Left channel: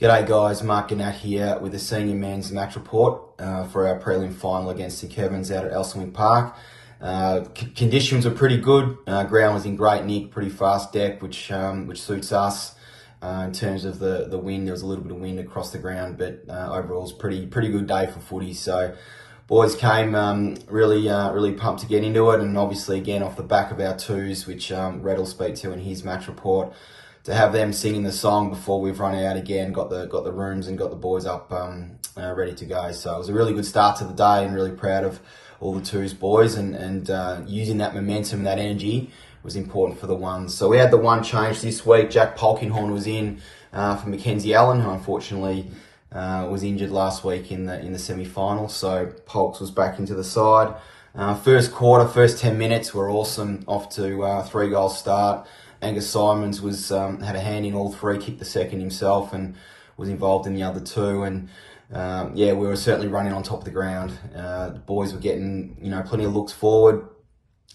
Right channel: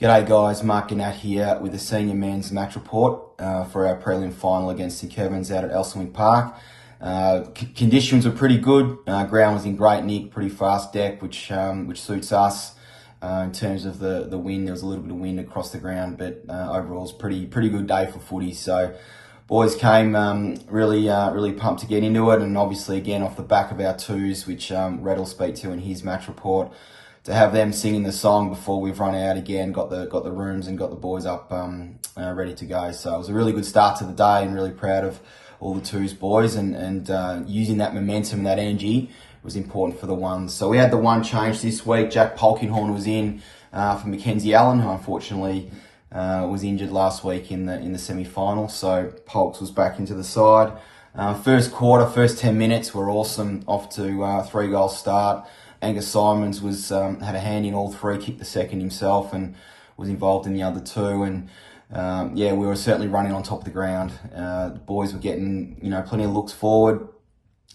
G'day guys, Mark and Nat here with the senior men's match report for our prelim final against St Kevin's out at Elsonwick Park. Conditions were pretty good. Ground was in great nick, pretty fast deck, which suits us. In terms of the wind, there was a little bit of wind across the ground, but overall it's pretty good day for footy. So boys came really pumped to get into it, and obviously again off the back of our twos, which Red will speak to in his match report. To have them singing the song before we've run out again, got the rooms and got the boys up ready to go. So it was a really good start to the day, and really proud of all the twos boys, and using that momentum and that energy was important for the ones. So we had the one change this week. Jack Polkinghorn was in for Mackenzie Allen, who unfortunately was injured last week in the semi-final. So Polks was back into the side. First quarter, first 10 minutes were awesome. Off to 3-goal start. Angus Simons had a hand in all three, kicked the second himself, and was involved in the other two. And we were certainly running on top of the ground. The boys were getting plenty of looks forward.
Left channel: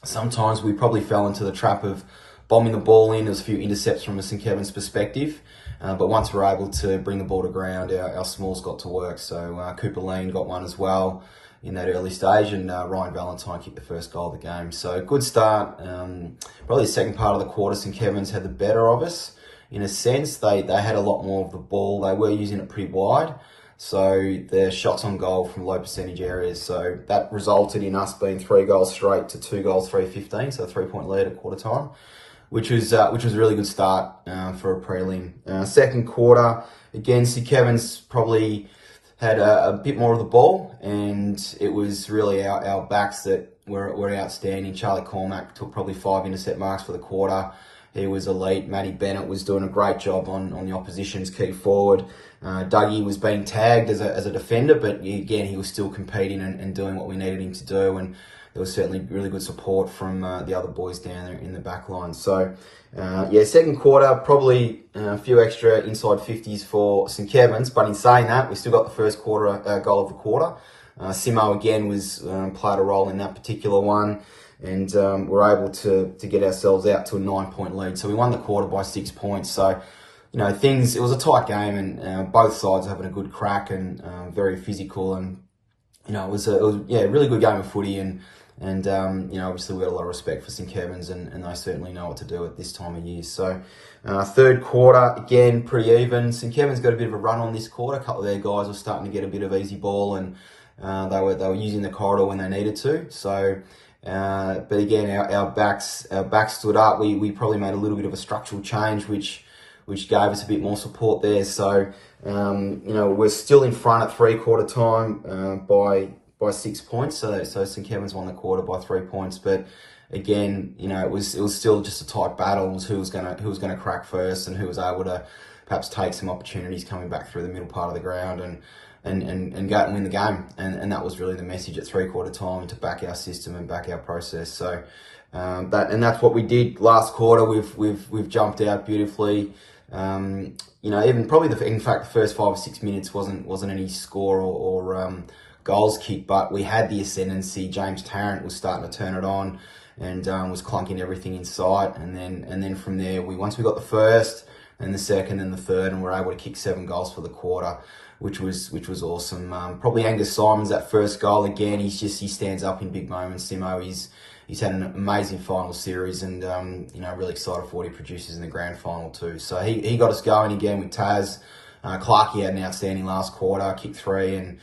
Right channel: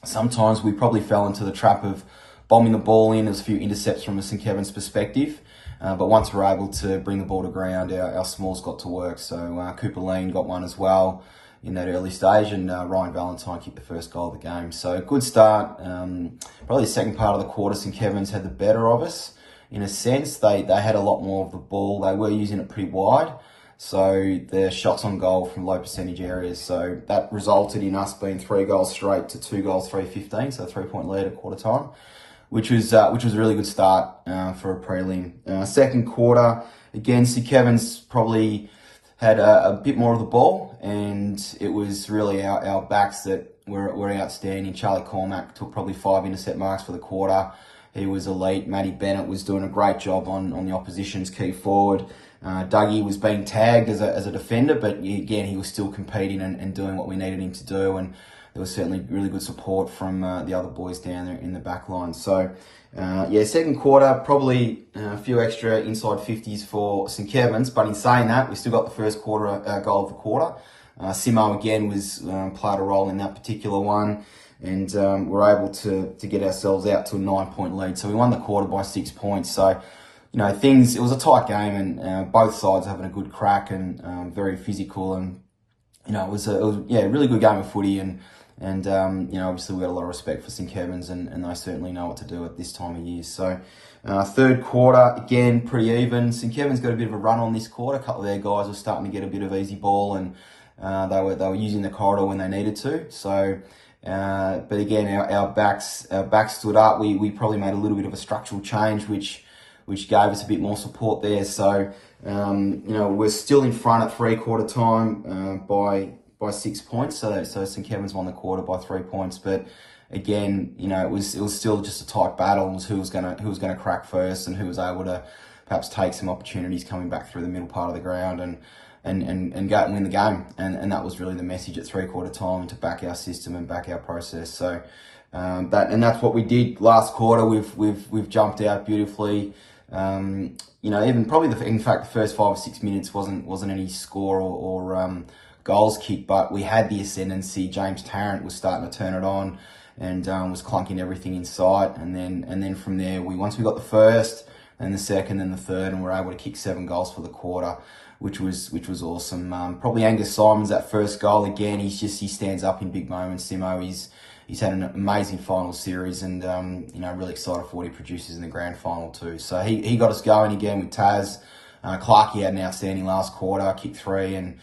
Sometimes we probably fell into the trap of bombing the ball in. There was a few intercepts from a St Kevin's perspective, but once we were able to bring the ball to ground, our smalls got to work. So Cooper Lean got one as well in that early stage, and Ryan Valentine kicked the first goal of the game. So good start. Probably the second part of the quarter, St Kevin's had the better of us. In a sense, they had a lot more of the ball. They were using it pretty wide. So their shots on goal from low percentage areas. So that resulted in us being 3 goals straight to 2 goals, 3-15. So a 3-point lead at quarter time, which was a really good start for a prelim. Second quarter, again, St Kevin's probably had a bit more of the ball, and it was really our backs that were outstanding. Charlie Cormack took probably 5 intercept marks for the quarter. He was elite. Matty Bennett was doing a great job on the opposition's key forward. Dougie was being tagged as a defender, but again, he was still competing and doing what we needed him to do. And there was certainly really good support from the other boys down there in the back line. So, second quarter, probably a few extra inside 50s for St Kevin's. But in saying that, we still got the first quarter goal of the quarter. Simo again played a role in that particular one, and we're able to get ourselves out to a 9-point lead. So we won the quarter by 6 points. So, it was a tight game, and both sides having a good crack and very physical, and it was a really good game of footy, and obviously we had a lot of respect for St Kevin's, and they certainly know what to do at this time of year. So third quarter, again, pretty even. St Kevin's got a bit of a run on this quarter. A couple of their guys were starting to get a bit of easy ball, and they were using the corridor when they needed to. So, but again, our backs stood up. We probably made a little bit of a structural change, which gave us a bit more support there. So, we're still in front at 3-quarter time by 6 points. So St Kevin's won the quarter by 3 points. But again, it was still just a tight battle. It was who was gonna crack first, and who was able to perhaps take some opportunities coming back through the middle part of the ground and go and win the game. And that was really the message at 3-quarter time, and to back our system and back our process. So that's what we did last quarter. We've jumped out beautifully. Even probably the first 5 or 6 minutes wasn't any score or goals kicked, but we had the ascendancy. James Tarrant was starting to turn it on, and was clunking everything in sight. And then from there, once we got the first and the second and the third, and we're able to kick 7 goals for the quarter, which was awesome. Probably Angus Simons, that first goal again. He stands up in big moments. Simo, he's had an amazing final series, and really excited for what he produces in the grand final too. So he got us going again with Taz. Clarkey had an outstanding last quarter, kicked 3, and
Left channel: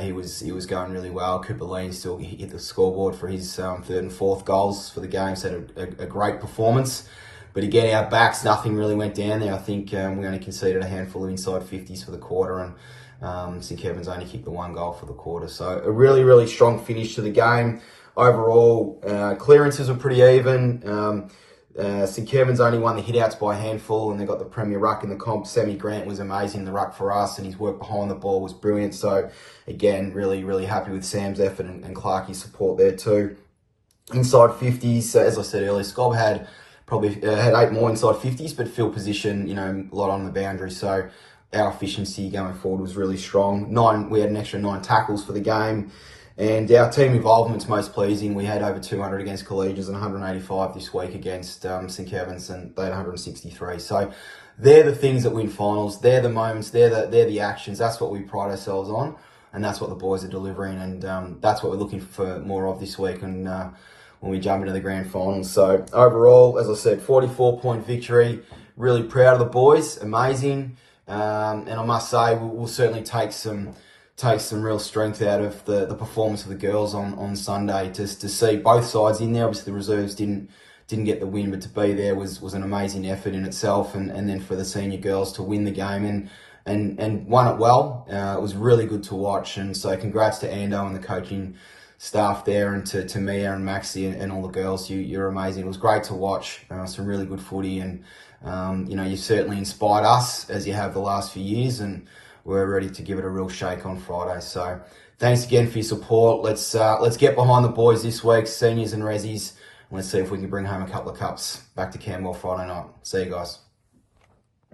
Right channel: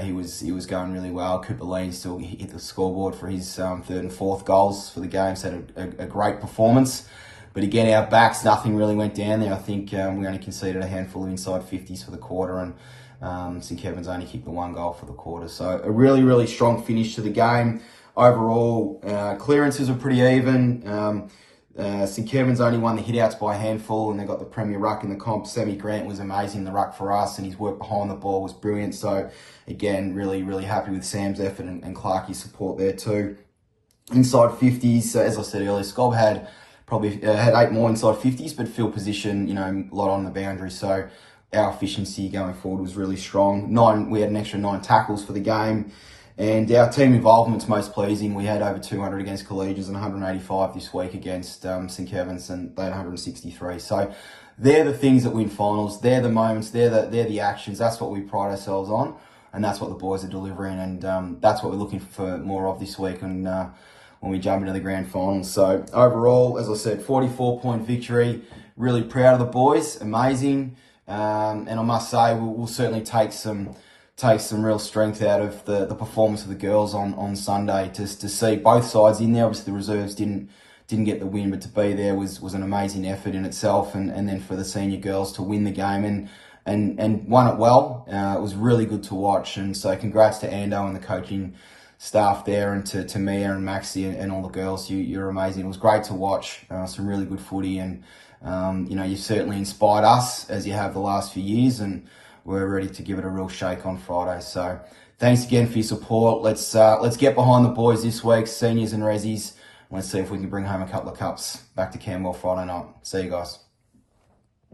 he was going really well. Cooper Lean still hit the scoreboard for his third and fourth goals for the game. So had a great performance. But again, our backs, nothing really went down there. I think we only conceded a handful of inside 50s for the quarter, and St Kevin's only kicked the 1 goal for the quarter. So a really, really strong finish to the game. Overall, clearances were pretty even. St Kevin's only won the hitouts by a handful, and they got the premier ruck in the comp. Sammy Grant was amazing, the ruck for us, and his work behind the ball was brilliant. So again, really, really happy with Sam's effort and Clarkie's support there too. Inside 50s, so as I said earlier, Scob had 8 more inside 50s, but field position, a lot on the boundary. So our efficiency going forward was really strong. We had an extra 9 tackles for the game. And our team involvement's most pleasing. We had over 200 against Collegians and 185 this week against St Kevin's, and they had 163. So they're the things that win finals. They're the moments. They're the actions. That's what we pride ourselves on, and that's what the boys are delivering. And that's what we're looking for more of this week. And when we jump into the grand finals. So overall, as I said, 44-point victory. Really proud of the boys. Amazing. And I must say, we'll certainly take some real strength out of the performance of the girls on Sunday. To see both sides in there. Obviously, the reserves didn't get the win, but to be there was an amazing effort in itself. And then for the senior girls to win the game and won it well. It was really good to watch. And so congrats to Ando and the coaching staff there, and to Mia and Maxie and all the girls. You're amazing. It was great to watch. Some really good footy, and you certainly inspired us as you have the last few years, and we're ready to give it a real shake on Friday. So thanks again for your support. Let's get behind the boys this week, seniors and resis. Let's see if we can bring home a couple of cups back to Camberwell Friday night. See you guys.